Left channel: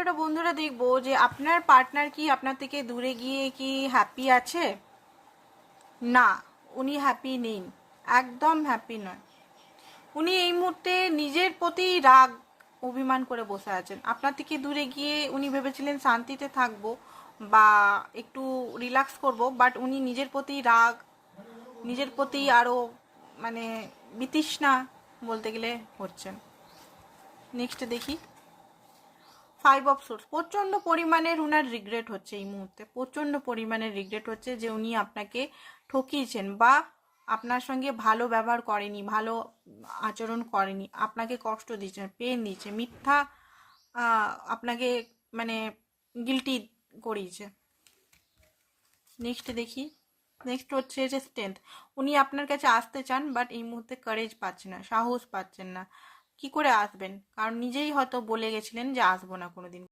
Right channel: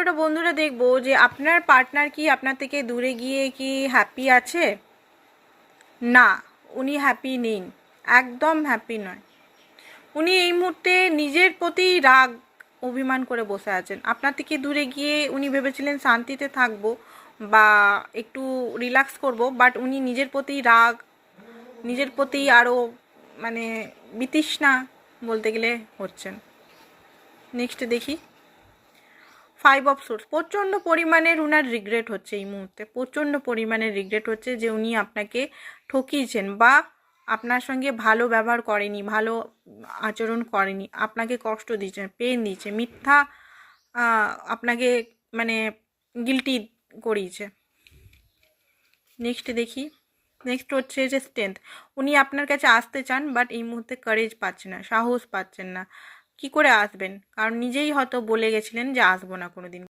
ওটা বন্ধুরা দেখবো যে আপনার পার্টনার কি আপনার থেকে দূরে গিয়ে কি হ্যাপি আছে? না, উনি হ্যাপি নেই, একদম হ্যাপি নয়। উনি এই মুহূর্তে নিজের প্রতি রাগ অভিমান করে বসে আছেন। আপনার থেকে দূরে গিয়ে উনি ভেবেছিলেন শান্তিতে থাকবো বা একটু রিল্যাক্স করব, বাট উনি নিজের প্রতি রাগ, নিজের প্রতি আরও মানে বিতৃষ্ণা বলতে গেলে হচ্ছেন। নেক্সট দেখি 5 অফ সোর্স। প্রচণ্ড পরিমাণের উনার রিগ্রেট হচ্ছে এই মুহূর্তে, প্রচণ্ড পরিমাণের রিগ্রেট হচ্ছে যে উনি আপনাকে ঠকিয়েছেন বা আপনার সঙ্গে ভালো ব্যবহার করেনি, ভালো আচরণ করেনি, আপনাকে কষ্ট দিয়েছে, পেন দিয়েছে, মিথ্যা আপনাকে মানে গিল্টি করিয়েছে। নেক্সট দেখি, নেক্সট হচ্ছে যে স্ট্রেংথ। উনি আপনার কাছে আসতে চান, বাট এই মুহূর্তে কারেজ পাচ্ছেন না, সাহস পাচ্ছেন না। কি করে আসবেন? কারণ নিজেই হয়তো বলে গেছিলেন যে আসবো না কোনোদিন।